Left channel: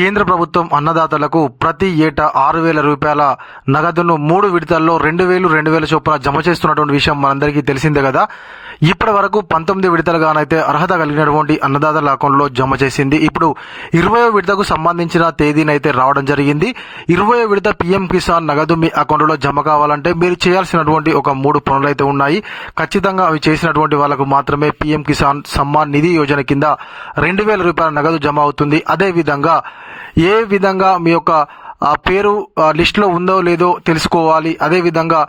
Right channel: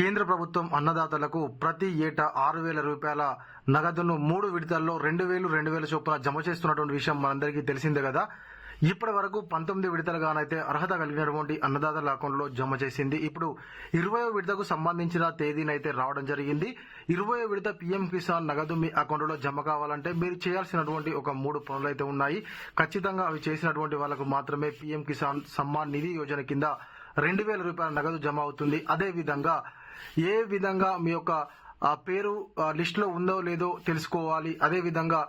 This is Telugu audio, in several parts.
కేంద్ర ప్రభుత్వం అన్నదాతలకు ప్రతి ఏటా ఆరు వేల రూపాయల నగదును మూడు విడతల్లో రెండు వేలు రెండు వేల చొప్పున జమ చేస్తున్నటువంటి విషయం మనందరికీ తెలిసిందే కదా. ఇప్పటి వరకు పంతొమ్మిది విడతలుగానైతే అర్హత కలిగినటువంటి అన్నదాతల అకౌంట్లో జమ చేసింది. ఇప్పుడు ఇరవై విడతకు సంబంధించిన తేదీనైతే రావడం జరిగింది. ఇరవై విడత పిఎం కిసాన్ నగదు మీ అకౌంట్లో జమ కావాలంటే మీరు చేయాల్సినటువంటి ఒక మూడు పనులు అయితే ఉన్నాయి. ఖచ్చితంగా అవి చేసినటువంటి వాళ్ళకు మాత్రమే పిఎం కిసాన్ సమ్మాన్ నిధి యోజన కింద రెండు వేల రూపాయల నగదు జమ అవుతుంది. అదేవిధంగా ఏ విధంగా మీ యొక్క ఆ పేరు ఆ, లిస్టులో ఉందో లేదో తెలుసుకోవాలి. అదే విధంగా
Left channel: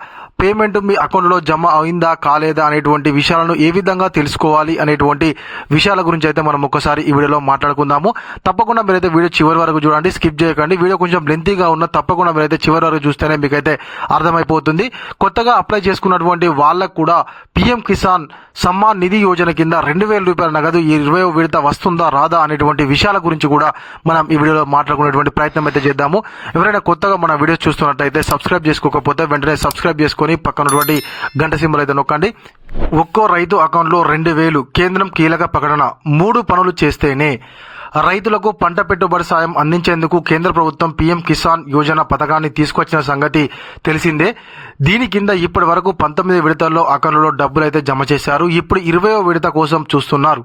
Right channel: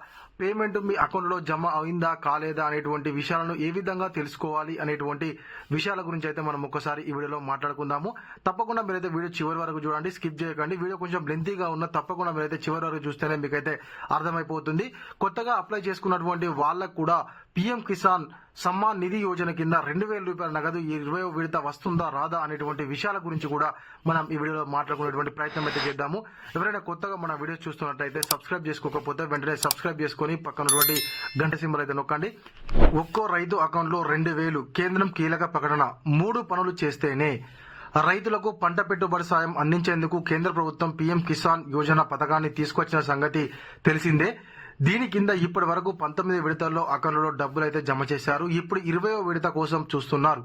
పేమెంట్ మీ అకౌంట్లో జమ అయిందా కాలేదా అనేటువంటి విషయాలను ఏ విధంగా తెలుసుకోవాలి అనేటువంటి విషయాల గురించి అయితే మనం ఒక్కసారి ఈ వీడియోలో మాట్లాడుకుందాము. తప్పకుండా మీరైతే వీడియో చివరి వరకు చూడండి స్కిప్ చేయకండి. వీడియో కొంచెం లెంతీగా ఉన్న తప్పకుండా మీరైతే చివరి వరకు చూస్తేనే మీకైతే అర్థమైపోతుంది. కొత్తగా అప్లై చేసుకున్నటువంటి వాళ్ళకు కూడా పిఎం కిసాన్ సమ్మాన్ నిధి యోజన కింద రెండు వేల రూపాయల నగదు ఈ ఇరవై విడత వస్తుందా రాదా అనేటువంటి విషయాల గురించి కూడా మనం ఈ వీడియోలో మాట్లాడుకునేటువంటి ప్రయత్నం అయితే చేద్దాము. ఎవరైనా కొత్తగా మన వీడియోస్ చూస్తున్నట్టయితే సబ్స్క్రైబ్ చేసుకోకపోతే వెంటనే సబ్స్క్రైబ్ చేసుకొని పక్కనటువంటి గంట సింబల్ అయితే నొక్కండి. ఒక్కో రైతు అకౌంట్లో రెండు వేలు కేంద్రం కీలక ప్రకటన మూడు పనులు చేస్తేనే రైతులకు పంట పెట్టుబడి సాయం అందించేందుకు కేంద్ర ప్రభుత్వం పీఎం కిసాన్ యోజన పథకాన్ని తీసుకొచ్చిన సంగతి తెలిసిందే. దీని కింద ఇప్పటి వరకు పంతొమ్మిది విడతల్లో అకౌంట్లో డబ్బులు అయితే జమ చేశారు. ఇప్పుడు ఇరవయో విడత కోసం చూస్తున్నారు.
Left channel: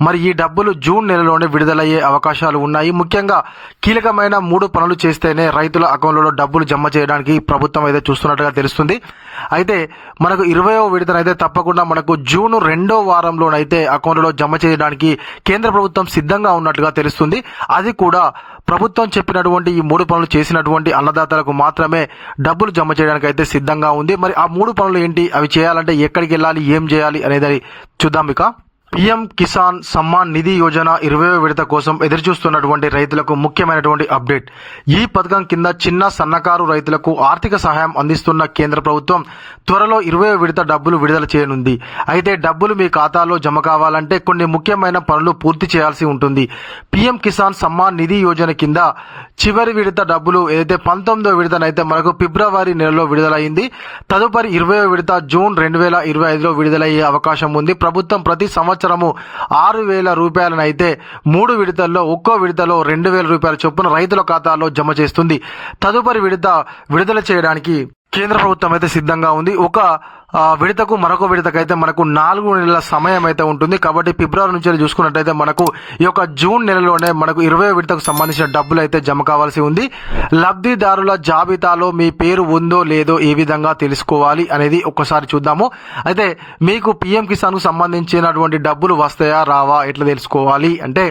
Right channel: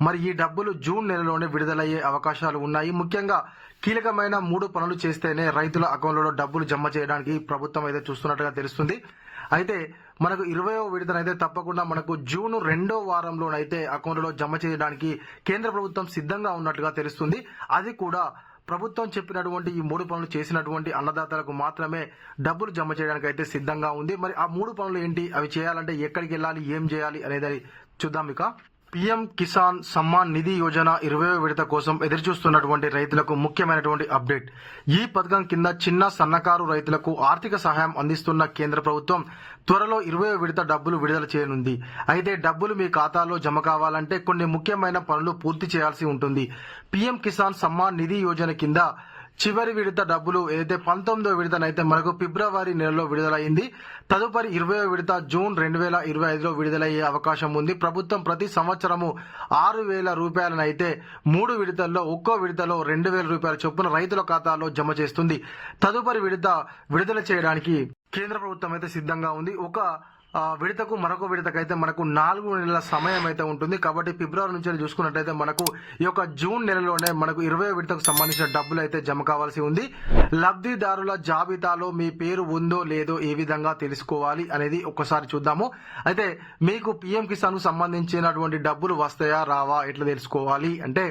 మరి ఈ డబ్బులు జూన్ నెలలోనే విడుదలయ్యే అవకాశాలు ఉన్నాయి. ముఖ్యంగా కీలకమైన మూడు పనులు చేస్తేనే రైతుల అకౌంట్లలో డబ్బులు జమ చేయడానికి ప్రభుత్వం అయితే చూస్తున్నట్టుగా తెలుస్తుంది. అయితే మనకు ఇరవయో విడతనైతే తప్పకుండా మనకు జూన్ రెండో వారంలోనైతే అకౌంట్లలో జమ చేయడానికి కేంద్ర ప్రభుత్వం సిద్ధంగా ఉన్నట్టుగా తెలుస్తుంది. అది కూడా ప్రభుత్వం చెప్పినటువంటి ఈ మూడు పనులు చేసినటువంటి అన్నదాతలకు మాత్రమే డబ్బులు జమ చేయడానికి అయితే సిద్ధంగా ఉంది. మరి ఆ మూడు పనులు ఏంటి? అవి చేయాలంటే ఎక్కడికి వెళ్ళాలి? ఏం చేయాలి? అనేది చూద్దాం ఇక. పిఎం కిసాన్ సమ్మాన్ నిధి యోజన ఇరవై విడత కోసం ఎదురుచూస్తున్నటువంటి రైతులకు ముఖ్యమైనటువంటి అప్డేట్. ఈ పథకం కింద చిన్న సన్నకారు రైతులకు ఆర్థిక సహాయం అందిస్తున్న కేంద్ర ప్రభుత్వం త్వరలో ఇరవై విడత డబ్బులు విడుదల చేయనుంది. అయితే డబ్బులు మీ ఖాతాలో జమ కావాలంటే కొన్ని ముఖ్యమైన పనులు పూర్తి చేయాల్సి ఉంటుంది. పిఎం కిసాన్ సమ్మాన్ నిధి యోజన కింద చివరి విడత డబ్బులు ఏదైతే పంతొమ్మిదో విడతనైతే మనకు ఫిబ్రవరి నెలలో విడుదలైంది. తదుపరి ఇరవై విడత జూన్ రెండు వేల ఇరవై ఐదులో విడుదలయ్యే అవకాశం ఉంది. ప్రభుత్వం ప్రతి సంవత్సరము ఆరు వేల రూపాయలనైతే మూడు విడతల్లో ఒక్కో విడతలో రెండు వేల రూపాయల చొప్పున రైతుల ఖాతాలో జమ చేస్తుంది. తదుపరి విడత విడుదల చేయడానికి కేంద్ర ప్రభుత్వం అయితే సిద్ధంగా ఉంది. ఒక విడతకు మరొక విడతకైతే మనకు నాలుగు నెలల సమయం అయితే ఉంటుంది. కాబట్టి ఫిబ్రవరి నుంచి చూసుకున్నట్టయితే మనకు ఈ యొక్క జూన్ నెలలోనే మనకు ఇరవై విడతకు సంబంధించిన డబ్బులు అయితే జమ కావాల్సి ఉంది. లబ్ధిదారుల జాబితాలో మీ పేరు ఉందో లేదో ఏ విధంగా తెలుసుకోవాలి అనేది ఒక్కసారి చూద్దాము. అయితే మీకు పిఎం కిసాన్కు సంబంధించినటువంటి డబ్బులు వస్తాయా రావా ఎట్లా తెలుసుకోవాలి? అంటే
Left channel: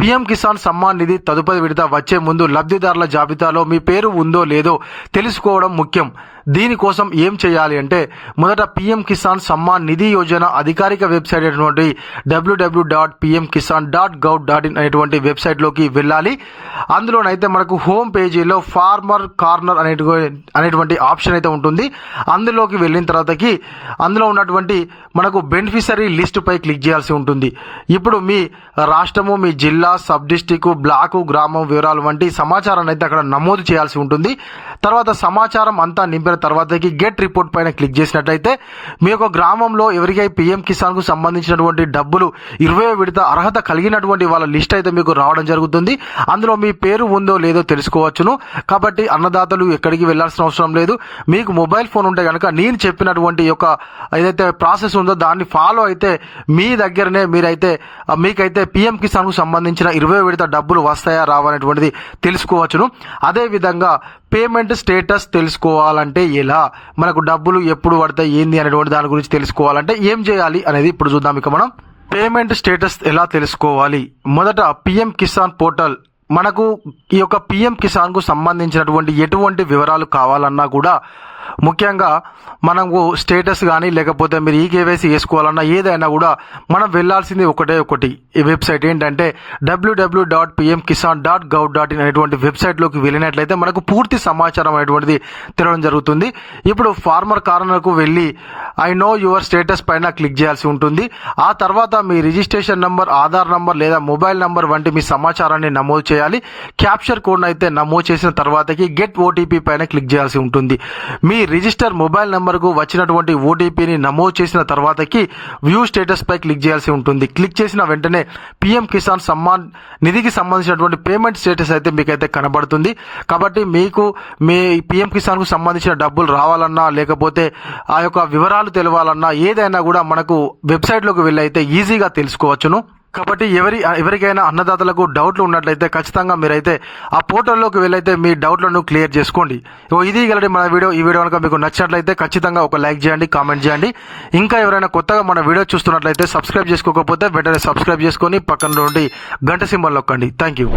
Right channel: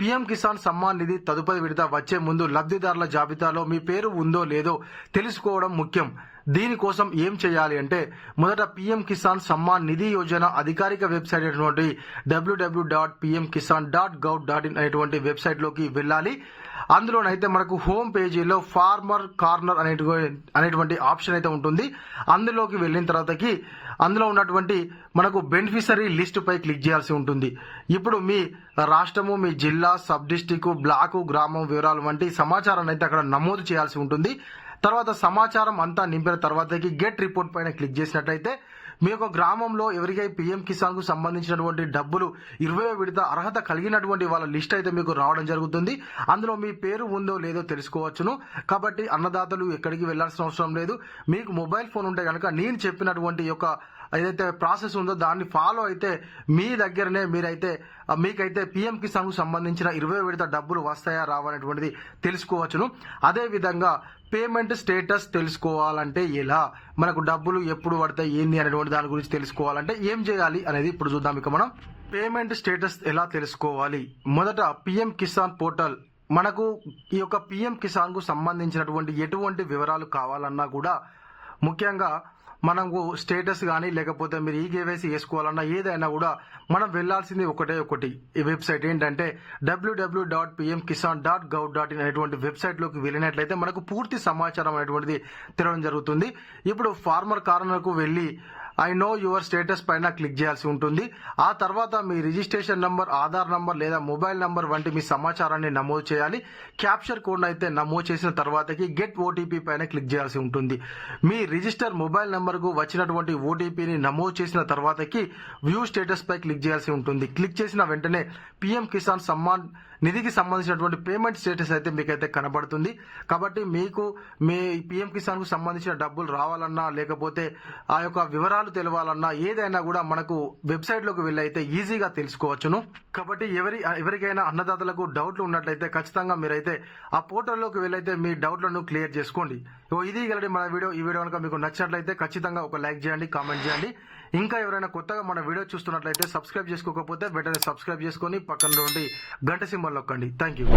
పిఎం కిసాన్ సమ్మాన్ నిధి తదుపరి విడత వచ్చే ముందు లబ్ధిదారుల జాబితాలో మీ పేరు ఉందో లేదో తెలుసుకోవడం ముఖ్యం. దీనికోసం ఏం చేయాలి అంటే మొదట పిఎం కిసాన్ సమ్మాన్ నిధి యోజన అధికారిక వెబ్సైట్ అయినటువంటి W W dot PM Kisan dot gov dot in అనేటువంటి వెబ్సైట్లోకి వెళ్ళాలి. అందులోనైతే మనకు హోమ్ పేజీలో ఫార్మర్ కార్నర్ అనేటువంటి అనేటువంటి ఆప్షన్ అయితే ఉంటుంది. అందులోకి వెళ్ళిన తర్వాతకి అందులో ఉన్నటువంటి మనకు బెనిఫిషరీ లిస్టుపై క్లిక్ చేయాల్సి ఉంటుంది. ఇప్పుడు మీ రాష్ట్రము మీ జిల్లా సబ్ డిస్టిక్ బ్లాకు గ్రామం వివరాలు వంటి సమాచారాన్ని అయితే అక్కడ నమోదు చేయాల్సి ఉంటుంది. తర్వాత సమాచారం అంతా నింపిన తర్వాతకి గెట్ రిపోర్ట్ పైన క్లిక్ చేసినట్టయితే మీ యొక్క గ్రామంలో ఎవరికై పిఎం కిసాన్కు సంబంధించినటువంటి డబ్బులు ఇరవై విడత అర్హత కలిగినటువంటి వాళ్ళ లిస్ట్ అయితే మీకు రావడం జరుగుతుంది. అందులో మీ పేరు ఉందో లేదో తెలుసుకోవచ్చును. కాబట్టి అన్నదాతలు ఎక్కడికి వెళ్ళాల్సిన అవసరం లేదు. మీకు మొబైల్ ఫోన్ ఉంటే కనుక నేను చెప్పినటువంటి యొక్క ఏదైతే ప్రాసెస్ ఉందో దాన్ని ఫాలో అయితే మీ దగ్గరనే మీరైతే మీకైతే పిఎం కిసాన్కు సంబంధించిన ఇరవై విడత డబ్బులు వస్తాయా రావనేటువంటిది తెలుసుకోవచ్చును. అదేవిధంగా పేమెంట్ స్టేటస్ తెలుసుకోవాలంటే ఎలా? మనకు డబ్బులు ఎప్పుడు పడతాయి ఏంది అనేటువంటి దాని గురించి తెలుసుకోవాలంటే ఏం చేయాలి అనేది ఇప్పుడు చూద్దాం. ఇక మనం పేమెంట్ స్టేటస్ ఎలా తెలుసుకోవాలి? మొదట పిఎం కిసాన్ పోర్టల్ మనకు ఈ యొక్క పిఎం కిసాన్కు సంబంధించినటువంటి ఎటువంటి వివరాలు కావాలన్నా కూడా ముఖ్యంగా మనకు స్టేటస్ కానీ లేకపోతే మీరు ఈ కేవైసీ చేసుకోవాలన్నా ఏదైనా కూడా మనం వెళ్ళాల్సింది ఒకటే ఒకటి. ఈ వెబ్సైట్ ఏంటంటే W W dot PM Kisan dot gov dot in అనేటువంటి వెబ్సైట్లోకి వెళ్ళినట్లయితే మనకు పూర్తి సమాచారం అనేటువంటిది తెరవడం జరుగుతుంది. ఇప్పుడు ఫార్మర్ కార్నర్కు వెళ్ళి ఐ నో యువర్ స్టేటస్ పైన క్లిక్ చేయాల్సి ఉంటుంది. ఆ తర్వాత మీ రిజిస్ట్రేషన్ నంబర్ ఆధార్ నంబర్ లేదా మొబైల్ నంబర్ వంటి మీ సమాచారాన్ని నమోదు చేయాలి. క్యాప్చర్ కోడ్ అయితే నమోదు చేసిన తర్వాతకి గెట్ ఓటీపీ పైన క్లిక్ చేయాల్సి ఉంటుంది. మీ రిజిస్టర్ మొబైల్ నెంబర్కు వచ్చినటువంటి ఓటీపీని నమోదు చేసిన తర్వాతకి వ్యూ స్టేటస్ పై క్లిక్ చేయాల్సి ఉంటుంది. క్లిక్ చేసిన వెంటనే పిఎం కిసాన్ సమ్మాన్ నిధికి సంబంధించినటువంటి పేమెంట్ స్టేటస్ అయితే మీకైతే కనబడుతుంది. కాబట్టి మీకు మీ పిఎం కిసాన్కు సంబంధించిన డబ్బులు రావాలన్నా లేకపోతే ఆ యొక్క వివరాలు తెలవాలన్నా ఏదైనా కూడా మనకు వెబ్సైట్లోకి వెళ్ళి అయితే ఈజీగా తెలుసుకోవచ్చును. కాబట్టి ఎవరి ఎవరికైనా అన్నదాతలకు డౌట్లు ఉన్నట్లయితే ఖచ్చితంగా మీరైతే ఆ పోర్టల్లోకి వెళ్ళైతే మీ డౌట్లను క్లియర్ చేసుకోండి. ఇగో ఇది గలటి మన వీడియో. ఈ వీడియో కనుక మీకు నచ్చినట్లయితే ఖచ్చితంగా ఒక లైక్ చేయండి కామెంట్ చేయండి. ఇంకా ఎవరైనా కొత్తగా మన వీడియో చూస్తున్నట్లయితే సబ్స్క్రైబ్ చేసుకోకపోతే వెంటనే సబ్స్క్రైబ్ చేసుకొని పక్కన నుండి గంట సింబల్ నొక్కండి. Thank you.